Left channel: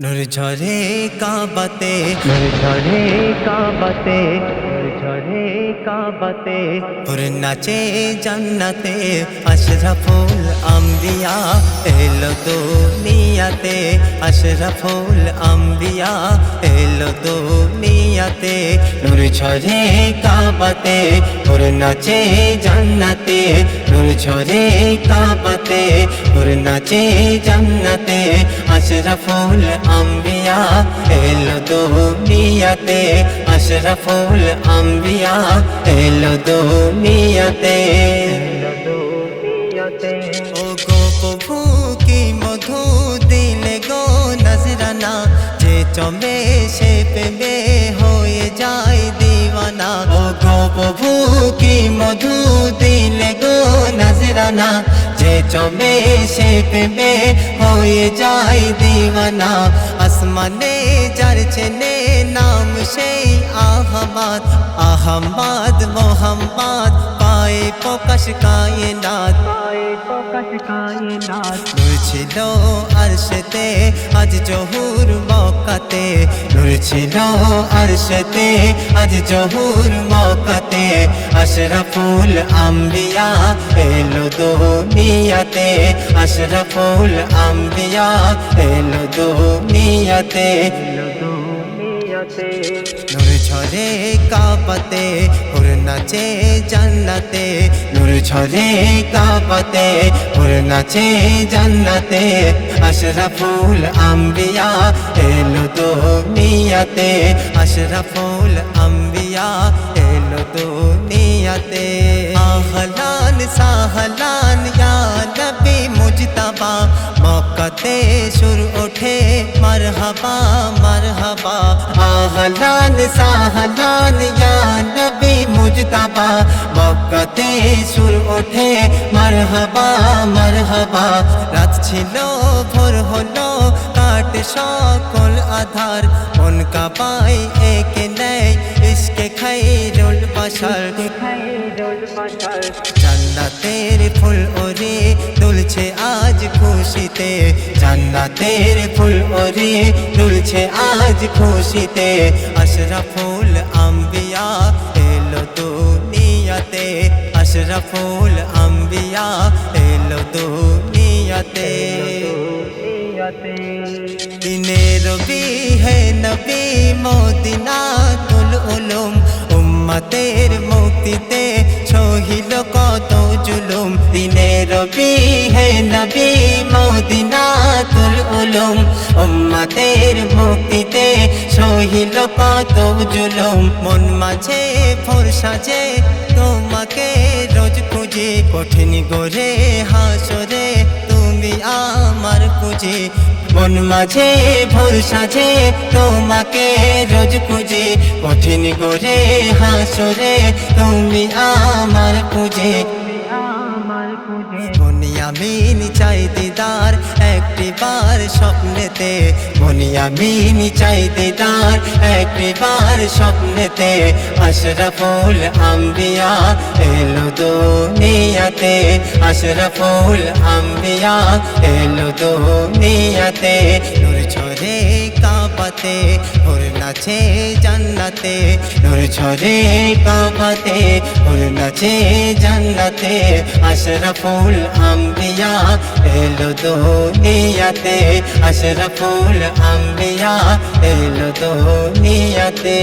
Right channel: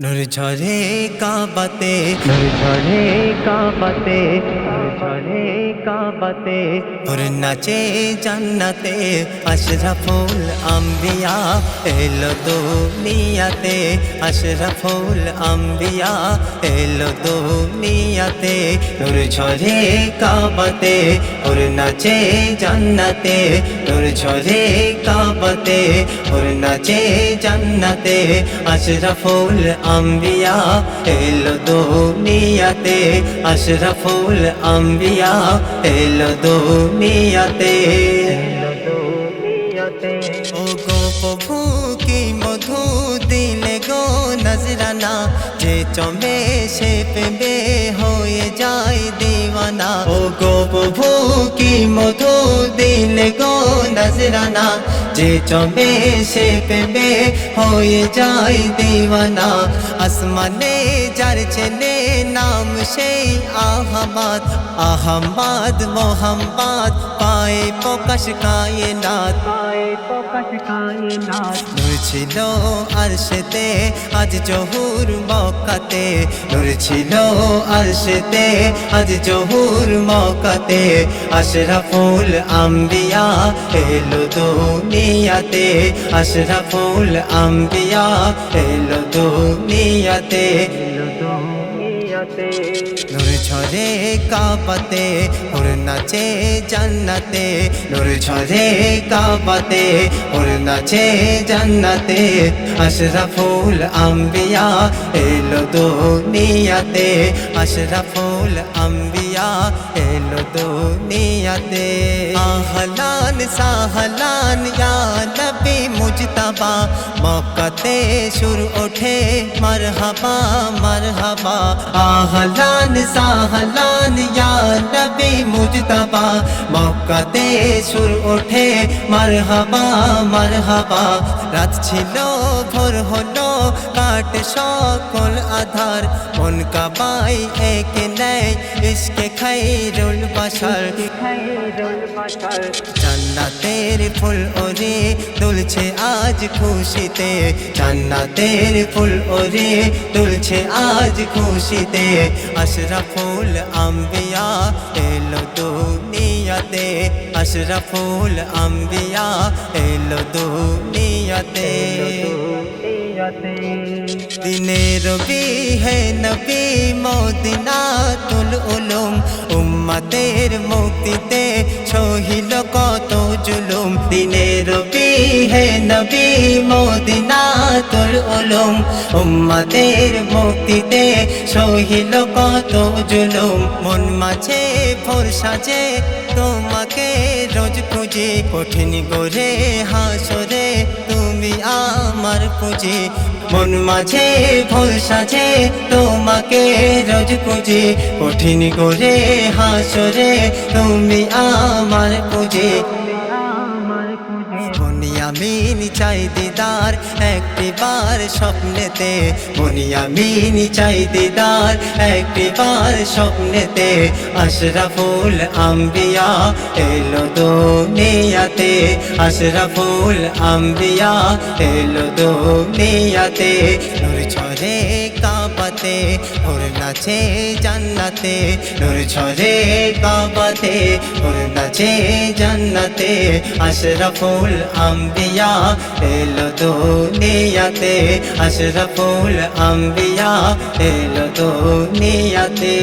নূর ঝরে কাবাতে নূর ঝরে কাবাতে নূর ঝরে কাবাতে ওর নাচে জান্নাতে আশরাফুল আম্বিয়া এলো দুনিয়াতে। আশরাফুল আম্বিয়া এলো দুনিয়াতে। নূর ঝরে কাবাতে ওর নাচে জান্নাতে নূর ঝরে কাবাতে ওর নাচে জান্নাতে আশরাফুল আম্বিয়া এলো দুনিয়াতে আশরাফুল আম্বিয়া এলো দুনিয়াতে এলো দুনিয়াতে ও গো প্রভু কি মধু দিলে গো নজরানা যে চমে সে পেবে হয়ে যায় দিওয়ানা ও গো প্রভু কি মধু দিলে গো নজরানা যে চমে সে পেবে হয়ে যায় দিওয়ানা। আসমানে যার চেনে নাম সেই আহমাদ আহমাদ মোহাম্মদ, পায়ে প্রকাশ কায়নাত। পায়ে প্রকাশ কায়নাত নূর ছিল আরশেতে আজ জহুর মক্কাতে নূর ছিল আরশেতে আজ জহুর মক্কাতে আশরাফুল আম্বিয়া এলো দুনিয়াতে। আশরাফুল আম্বিয়া এলো দুনিয়াতে। এলো দুনিয়াতে। নূর ঝরে কাবাতে ওর নাচে জান্নাতে। নূর ঝরে কাবাতে ওর নাচে জান্নাতে, আশরাফুল আম্বিয়া এলো দুনিয়াতে, আশরাফুল আম্বিয়া এলো দুনিয়াতে। আহলান সাহলান, ইয়া নবী মুজতবা, মক্কাতে সুর ওঠে, মারহাবা মারহাবা। আহলান সাহলান, ইয়া নবী মুজতবা মক্কাতে সুর ওঠে মারহাবা মারহাবা। রাত ছিল ভোর হলো কাট সকল আধার। মন কাবাই একে নেয় ইসকে বাসার। খাইরুল বাসার। জান্নাতের ফুল ওরে দুলছে আজ খুশিতে। জান্নাতের ফুল ওরে দুলছে আজ খুশিতে। আশরাফুল আম্বিয়া এলো দুনিয়াতে আশরাফুল আম্বিয়া এলো দুনিয়াতে। দিনে রবি হে নবী মদিনা তুল উলুম, উম্মতের মুক্তিতে সহিল কত জুলুম। দিনে রবি হে মদিনা তুল উলুম, উম্মতের মুক্তিতে সহিল কত জুলুম। মন মাঝে ভোর সাজে তোমাকে রোজ খুঁজি, কঠিন গোরে হাসরে তুমি আমার পুঁজি মন মাঝে, ভোর সাজে তোমাকে রোজ পুঁজি কঠিন করে হাসরে তুমি আমার পুঁজি বনিয়ামিন চাই দিদার, একটি বার স্বপ্নেতে। বনিয়ামিন চাই দিদার, একটি বার স্বপ্নেতে। আশরাফুল আম্বিয়া এলো দুনিয়াতে। আশরাফুল আম্বিয়া এলো দুনিয়াতে। নূর ছড়ে কাবাতে ওর নাচে জান্নাতে। নূর ছড়ে কাবাতে ওর নাচে জান্নাতে। আশরাফুল আম্বিয়া এলো দুনিয়াতে। আশরাফুল আম্বিয়া এলো দুনিয়াতে।